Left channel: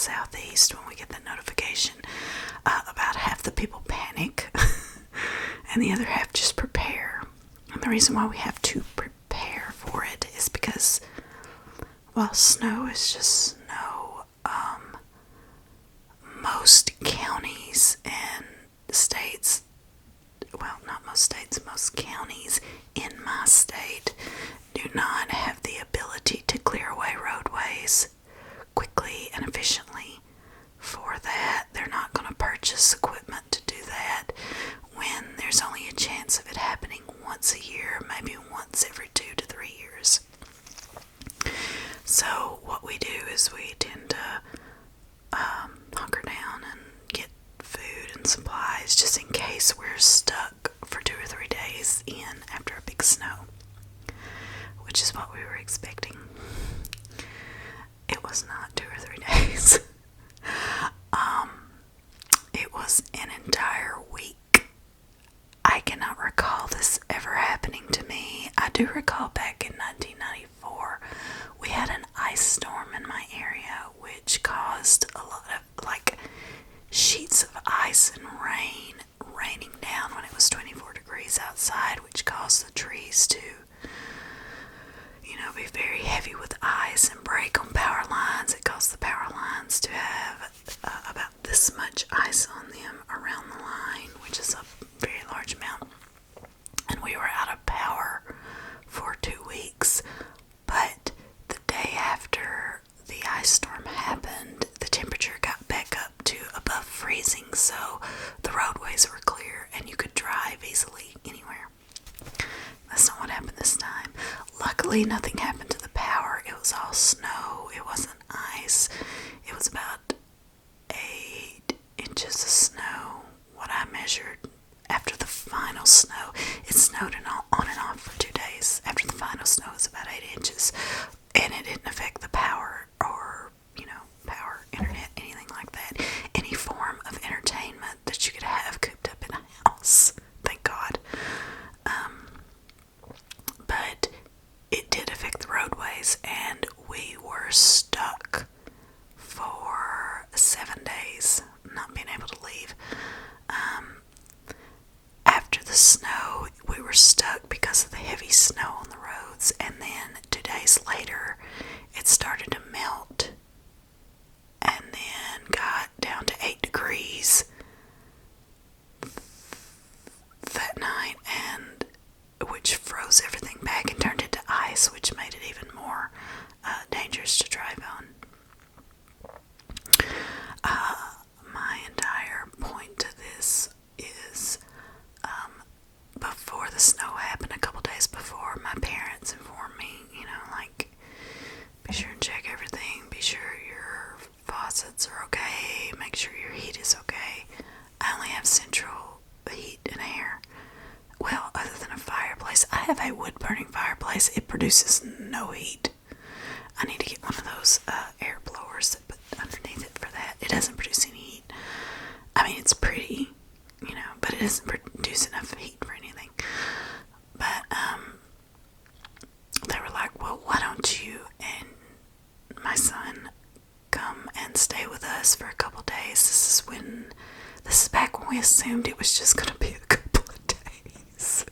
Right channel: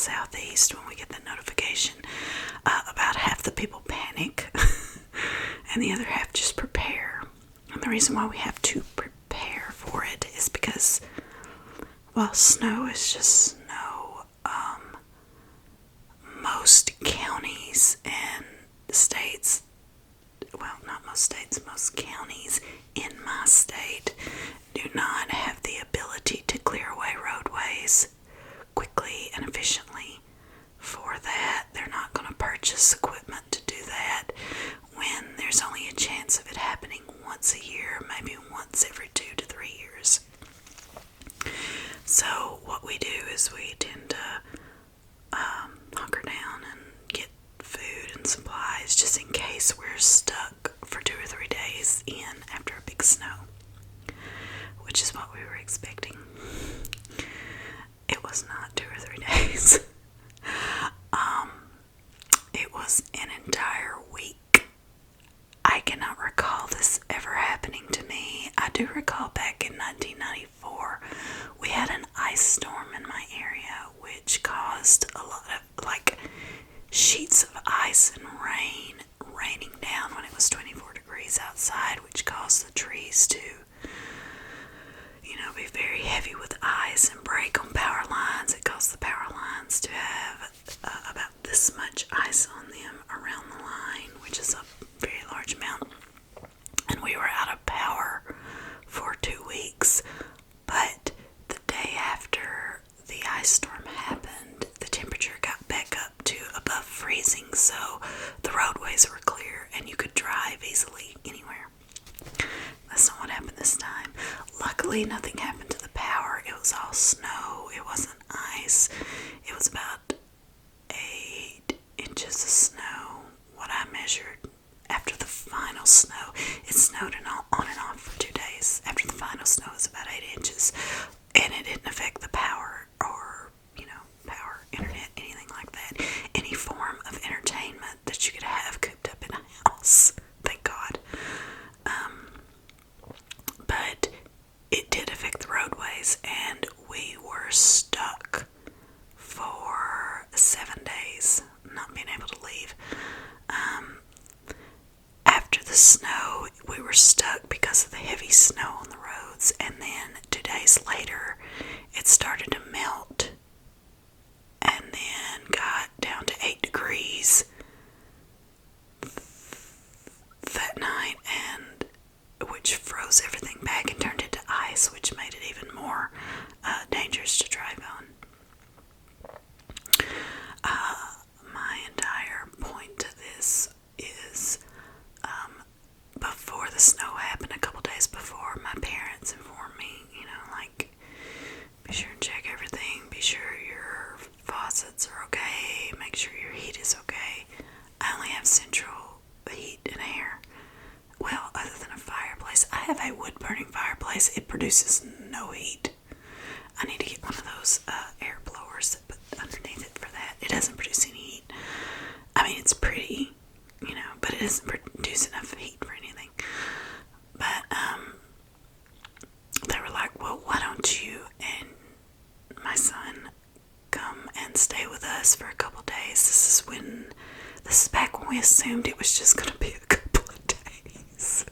southeast, when we get that notification, about half the people panic and the other half just prepare. And the reason why we have to prepare for it is because, well, snow is just snow. Most counties and states, well, not most states, most counties in my state do not have the ability to clear away roadways quickly and efficiently. For that, they're not going to purchase equipment to do that when there's only a chance of it happening once a year, maybe once every 2 to 3 years. So what we do is we tend to hunker down and get food and supplies just in case we're stuck for 2 or 3 days in after a big snow, which is what we were expecting. It was not 2 or 3 days. It was an entire week. I cannot recall this ever happening to me. I do recall back in 1994, we had an ice storm in my area, which caused a lot of, like, sheets of ice and rain raining down when it was 24 degrees outside, which caused the trees to, be very heavy with ice and break on power lines. It caused the power lines to have about this much ice on them around the line, which is a very large amount. And we were out of power for 2 weeks. But the day after the ice storm happened, the temperature got back up to above freezing, so the roadways were clear and you could drive easily anywhere. That's not what happened this time. Luckily, nothing happened to the power. It was all snow. It wasn't ice. It was about 8 inches of snow, what I measured after the final snow. It snowed on and off for 2 days. After the final snow, it was about 8 inches. And it didn't affect the power or, power, internet, anything like that. Any form of entertainment that you could have cooped up in a house. Thank God. But it did affect the roadways, and we were stuck for 7 days, not being able to leave. After the snow, we were stuck because of the heavy snow on the roads, and then 2 days later, it started to melt, and then got down to 8 degrees that night, and which froze everything back and turned into ice, which made it even more dangerous to drive on. My entire point to this is, before the snow happened, a couple days before, my parents informed me, be sure and check everything, be sure your faucets are okay, make sure your heat is okay. I only have central heat and air. Well, other than a fireplace. I have a wood-burning fireplace. It produces no heat. I need to get one of those air blowers that put underneath it for that. It doesn't produce any heat. I mean, it's pretty, but it doesn't produce enough heat for anything. But they were like, well, why don't you and my son come and stay with us for a couple days? This is back when we assumed it was just going to be a couple of days.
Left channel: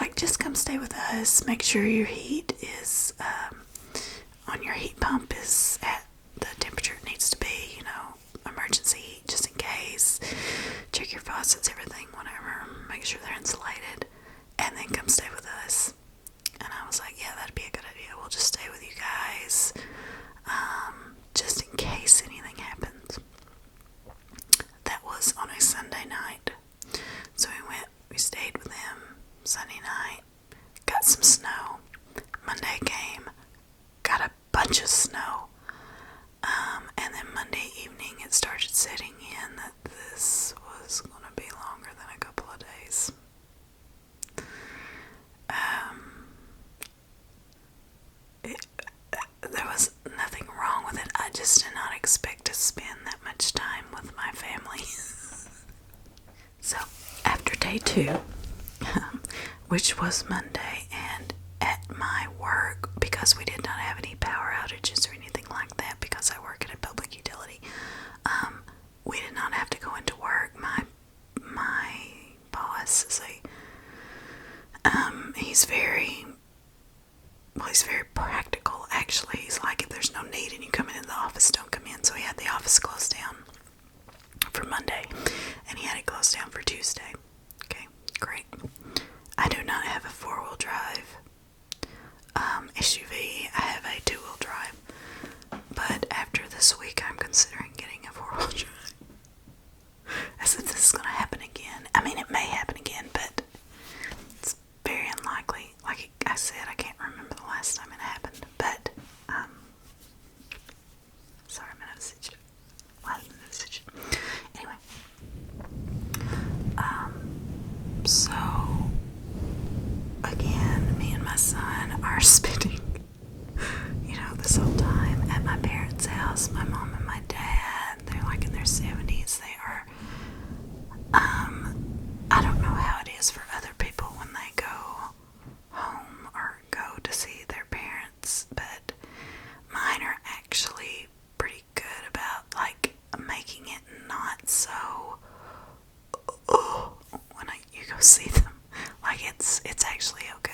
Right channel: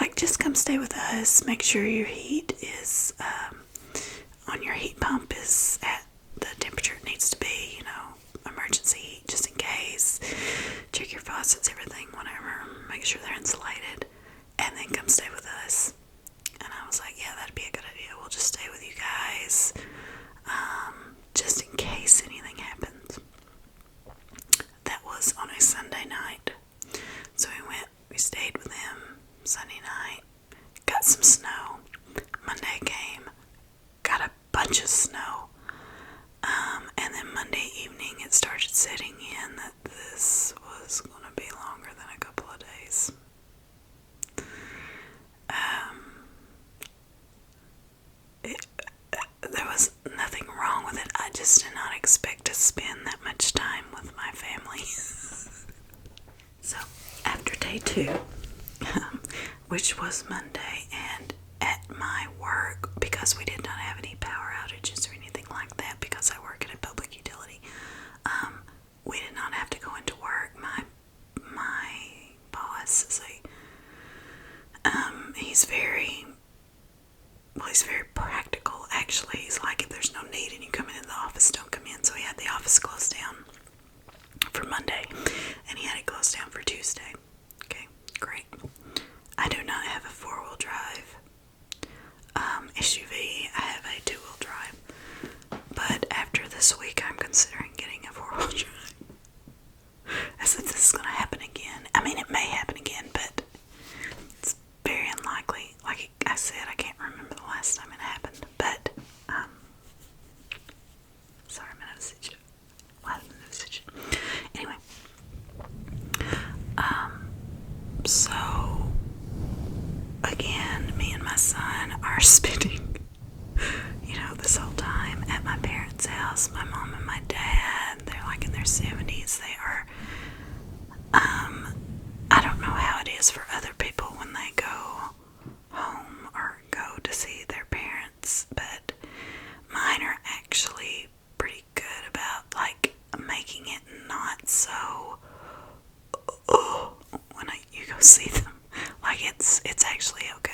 Like, just come stay with us. Make sure your heat is, on your heat pump is at the temperature it needs to be, emergency heat just in case. Check your faucets, everything, whatever. Make sure they're insulated. And then come stay with us. And I was like, yeah, that'd be a good idea. We'll just stay with you guys, just in case anything happens. That was on a Sunday night. So we stayed with them Sunday night, got some snow. Monday came, got a bunch of snow. And then Monday evening it started setting in that this was going to be longer than a couple of days. There was nothing wrong with it. I just did not expect to spend that much time with my family. So, after day 2, which was Monday, and at my work, because we did not have any power outages or anything like that, because I work at a public utility actually, he's like, if there's no need and you come into the office, don't come in. So he had the office closed down for Monday, and he had it closed down for Tuesday. Okay, great. I do not have a 4-wheel drive SUV. I have a 2-wheel drive. But after this week, I'm considering getting a 4-wheel drive. As if this is going to happen again. I mean, it may happen again, but it's very unlikely. Like I said, I can't remember the last time it happened. But, sorry, I'm going to switch. Anyway. So, again, me and my son are spending, this whole time at my parents' house. My mom and my dad, they're like in their 70s. They are, I don't know how it is for other people when they go home or go to see their parents, but mine are actually pretty good about, like, making it not so, when you go see them. Like, it's actually okay.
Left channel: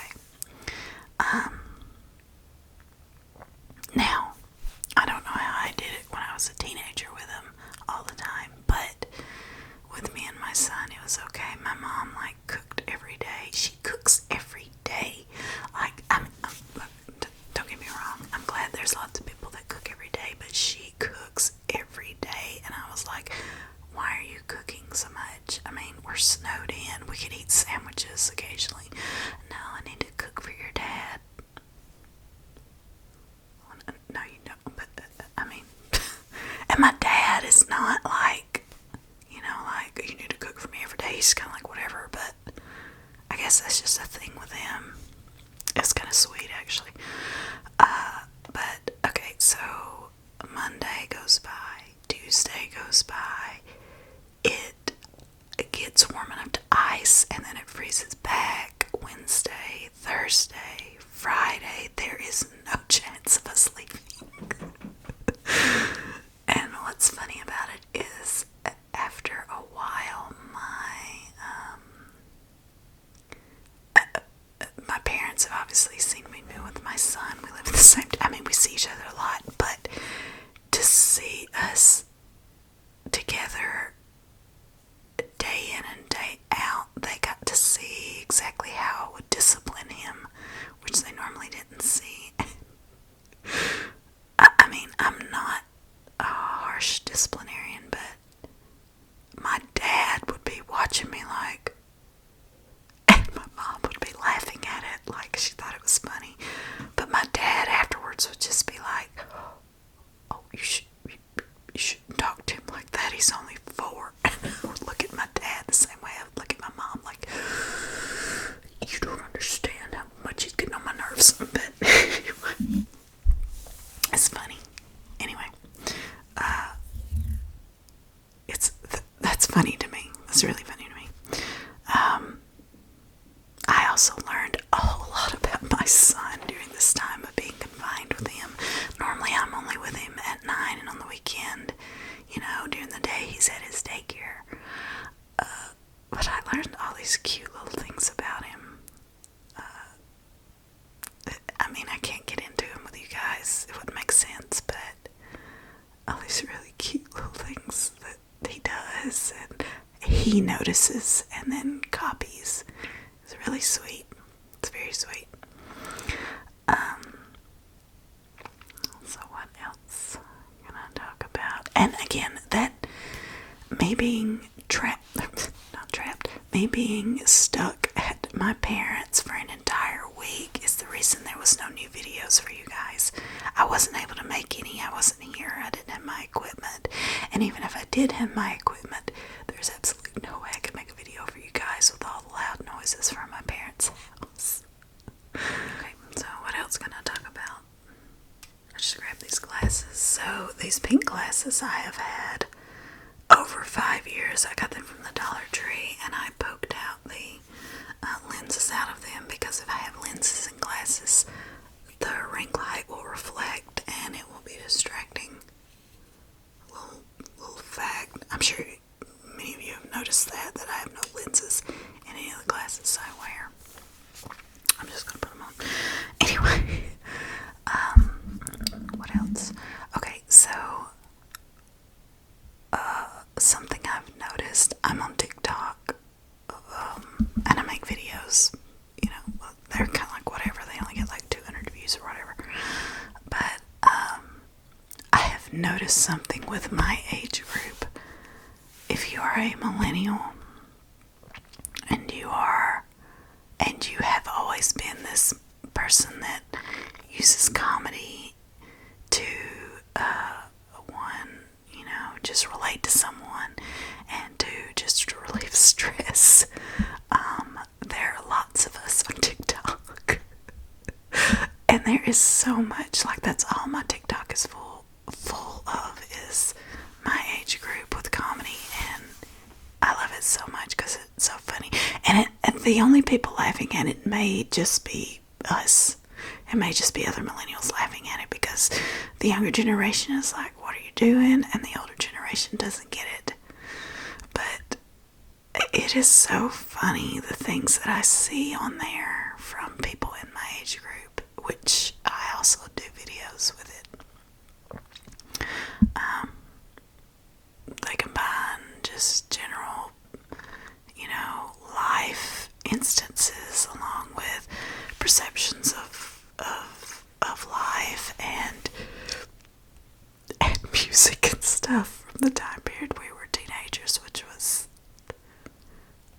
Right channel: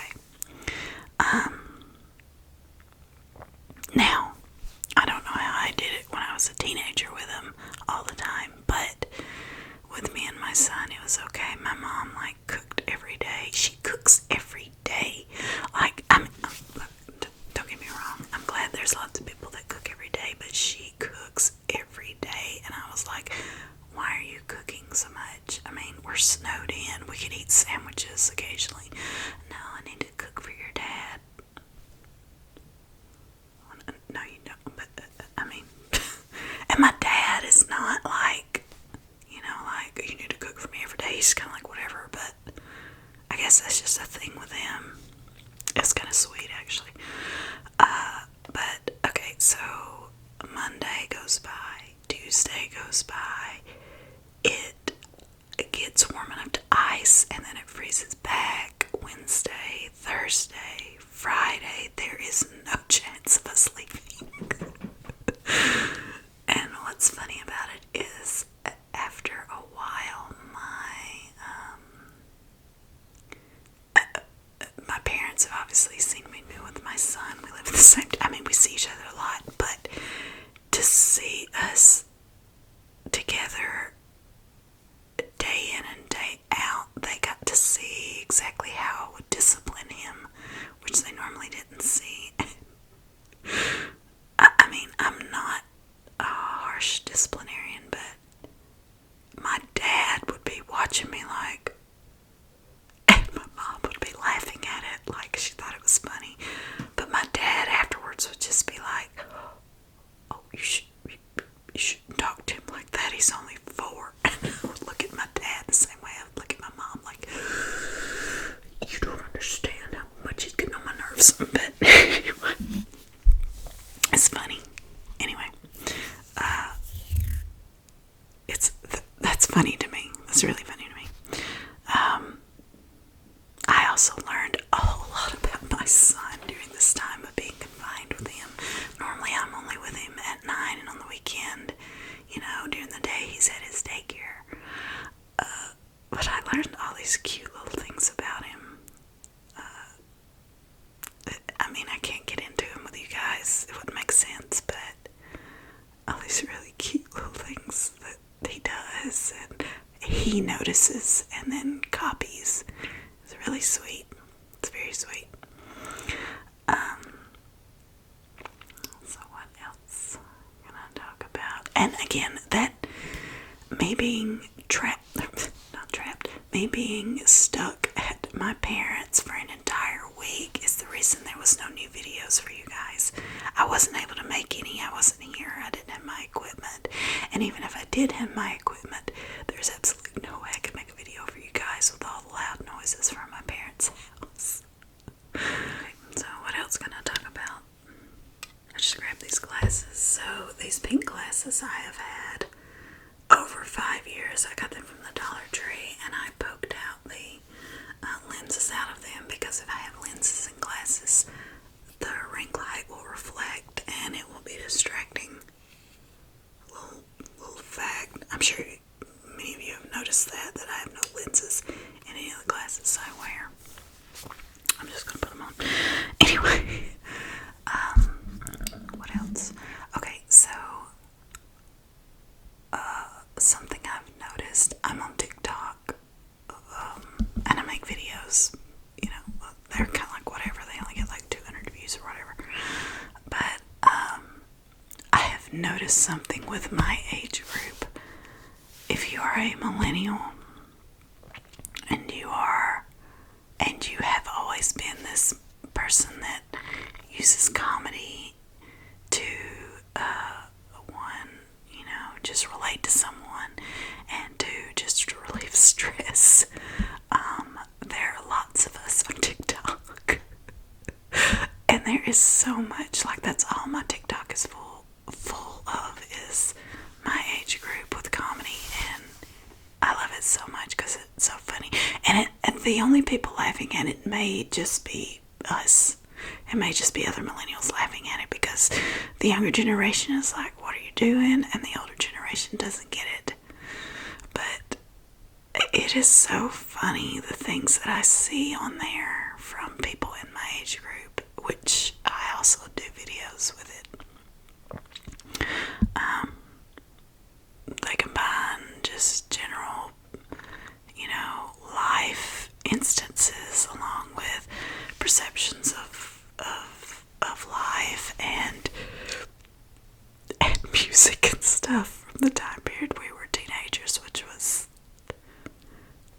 Now, I don't know how I did it when I was a teenager with him all the time, but with me and my son, it was okay. My mom, like, cooked every day. She cooks every day. Like, don't get me wrong. I'm glad there's lots of people that cook every day, but she cooks every day. And I was like, why are you cooking so much? I mean, we're snowed in. We could eat sandwiches occasionally. No, I need to cook for your dad. No, you don't. But, I mean, and my dad is not like, like, you need to cook for me every day. He's kind of like, whatever. But I guess that's just a thing with him. It's kind of sweet, actually. But, okay, so Monday goes by. Tuesday goes by. It gets warm enough to ice, and then it freezes back. Wednesday, Thursday, Friday, there is no chance of us leaving. And what's funny about it is, after a while, my parents have obviously seen me be with my son. We live in the same, we see each other a lot, but to see us together day in and day out, they got to see exactly how I would discipline him, which they normally didn't see. I'm not a harsh disciplinarian, but my dad would be watching me like, and my mom would be laughing at it like she thought it was funny. But my dad afterwards would just be like, oh, you shouldn't talk to him like that. He's only 4. And I would look at my dad the same way I would look at my mom, like, you don't understand how much he's getting on my nerves. But anyway, it's funny. Anyway, that's funny to me. That's really funny to me. I also learned a whole lot about my son during this time of being confined with him. Normally I'm only with him at 9, and on the weekend, during the day he's at his daycare. But I learned all these cute little things about him. I can't get into him with you guys. It wouldn't make sense, but all these really cute little things that he does and he notices and then copies. It's really sweet. It's very sweet. So what else can I talk about? And again, that me being me being stuck at my parents for an entire week is the reason there was no new videos for you guys. I wasn't able to make any. I wasn't here. I didn't have my equipment. And even if I did have my equipment, there's absolutely no way I could make a video for you guys with all the loud noises from my parents' house. Okay, so what else can I talk about? I just grabbed these glasses. So these pink glasses I have had over 5 years. I got them from the Dollar Tree, and I poked out the lenses out of them because if I have lenses and glasses, the ring light will reflect and it will be distracting. Little fact. I'm sure many of you have noticed that I have no lenses in any of the glasses I wear. I'm just gonna put them on. Anyway, I've noticed something with my age group. If you are a millennial and you have always been this person that uses comedy to just relate to someone and to just relieve stress, there are lots of us on TikTok. And there is so much, like, that's all my TikTok is full of, is my age group with comedy, and I love it so much because it's so funny. And the only people laughing at it may just be us. It may just be other millennials laughing at it because the younger generation is like, what are you doing? And the older generation doesn't get it. But it is so funny, the things that I see on there from people in my age group, which I also do videos with it. They combine just general, life instances along with perceptions of life and music and stuff from the time period we were teenagers, which was,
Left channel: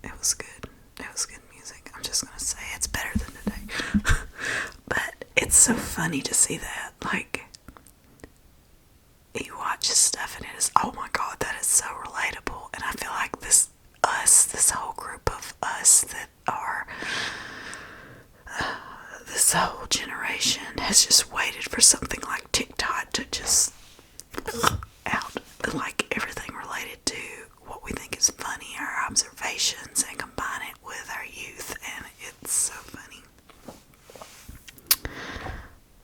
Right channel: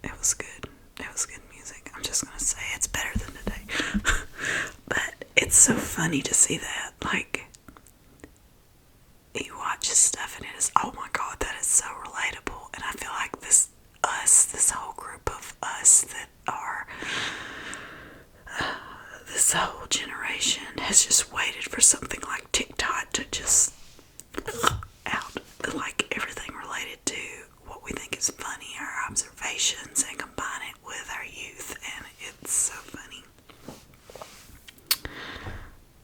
it was good. It was good music. I'm just gonna say it's better than today. But it's so funny to see that, like, you watch stuff and it is, oh my god, that is so relatable. And I feel like this whole group of us that are this whole generation has just waited for something like TikTok to just out, like, everything related to what we think is funny, our observations, and combine it with our youth, and it's so funny.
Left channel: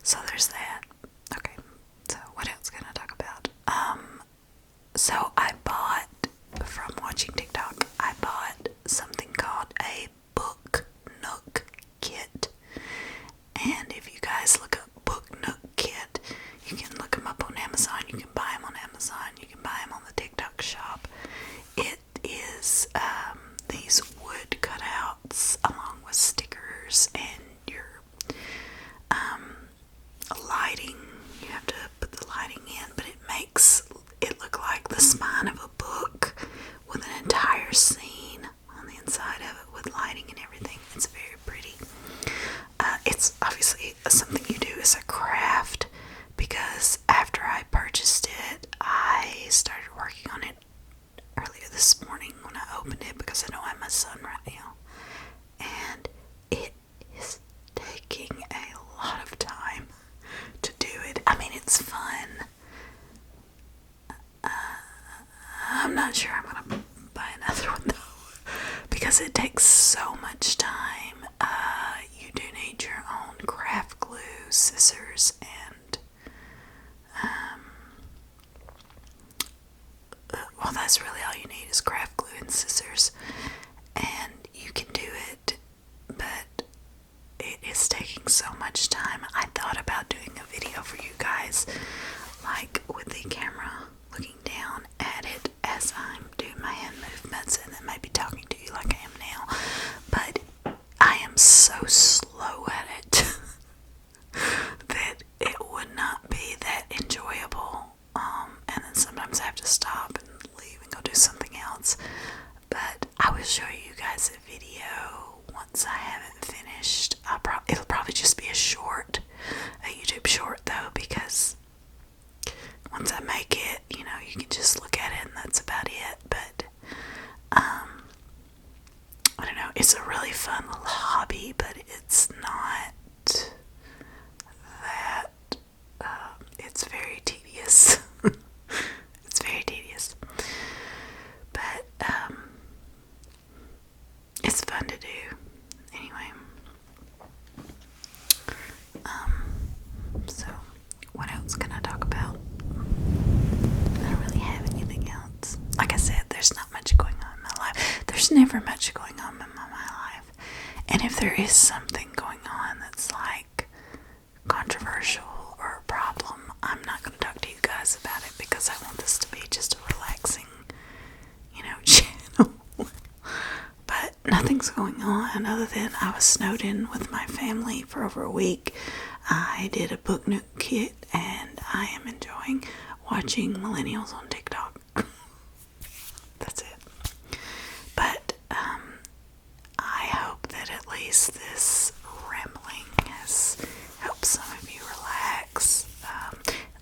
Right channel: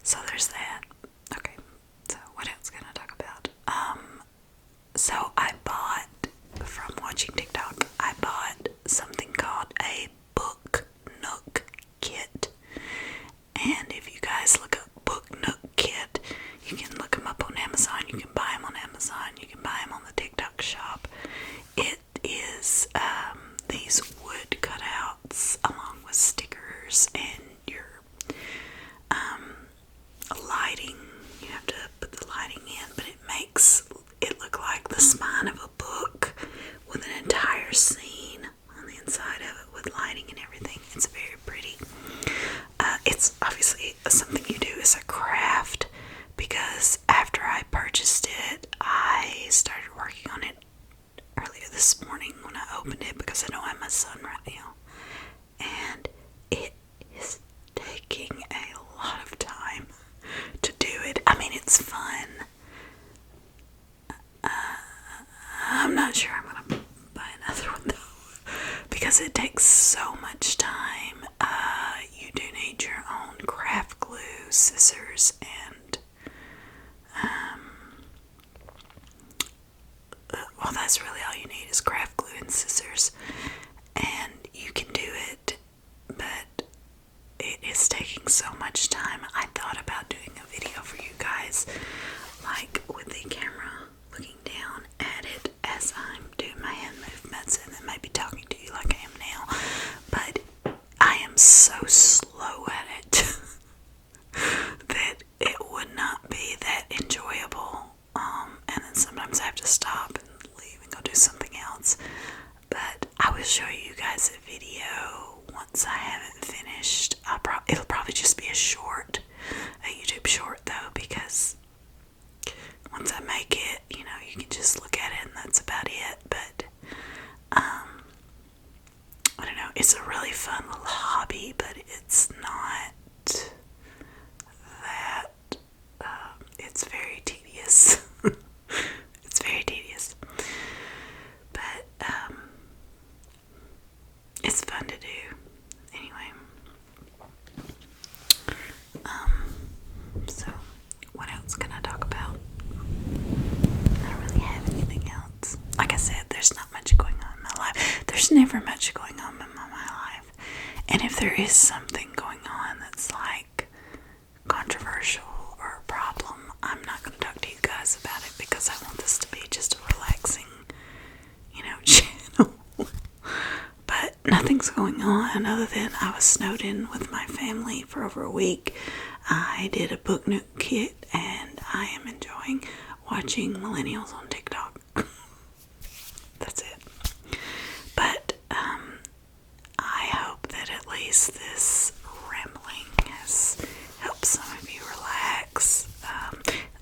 So there's that. Okay, so what else can I talk about? So I bought, from watching TikTok, I bought something called a Book Nook kit. And if you guys look up Book Nook kit, you can look them up on Amazon. You can buy them on Amazon. You can buy them on the TikTok shop. It is these wood cutouts along with stickers and your lighting. You have to put the lighting in, but it makes it look like the spine of a book with an entire scene on the inside of it with lighting and everything. It's very pretty. It's obviously something you do as a craft, because after I purchased it, I started working on it earlier this morning when I opened it, because I don't have my son right now, and it is taking a lot of time to do it. I mean, it's fun. I'm not sure I'm gonna buy another one though, because it takes so much time. You do need your own craft glue, scissors, and well, that's really all you need is craft glue and scissors, and you can do it, but it is taking so much time. I thought about doing a video for you guys, like with the camera looking down at it as I'm doing my hand movements, and then maybe talking to you like I am now, but I am so slow at it that it would not be that enjoyable, and then sometimes I have to stop and leave and go do something else. But I will show you guys a video once I have it finished. It'll probably just be a YouTube short though, because once I make it, you can just look at it and that's about it. But I don't know, it's a really fun little hobby, but it's not that, it's very tedious. It's very tedious. But it's fun to do. Anyway. So what else can I talk about? I don't really have anything else. Like I said, there's not much going on in my life. There's never much going on in my life. And if there is something going on that's like controversial or a problem, I'm not going to talk to you guys about it, because I want this to be just a relaxing, channel. But nothing's going on other than I was snowed in with my family for over a week. I did a Book Nook kit, and I am enjoying watching millennials on TikTok. That's it. But I hope that at least this rambling has helped some of you relax.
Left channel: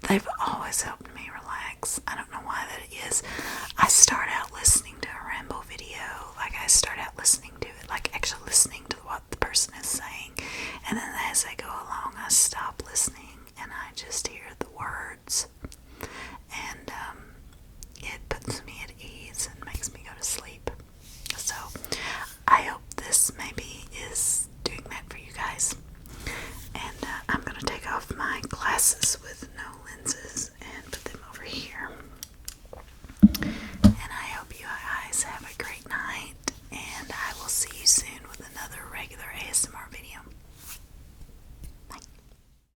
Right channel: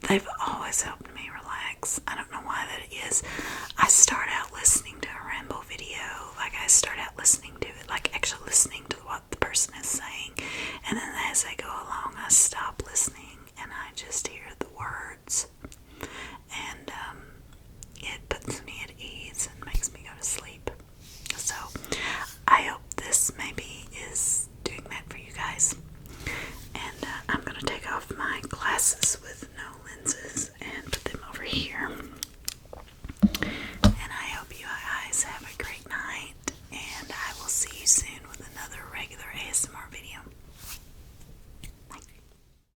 They've always helped me relax. I don't know why that is. I start out listening to a Ramble video. Like, I start out listening to it, like actually listening to what the person is saying. And then as I go along, I stop listening and I just hear the words. And it puts me at ease and makes me go to sleep. So I hope this maybe is doing that for you guys. And I'm going to take off my glasses with no lenses and put them over here. And I hope you guys have a great night. And I will see you soon with another regular ASMR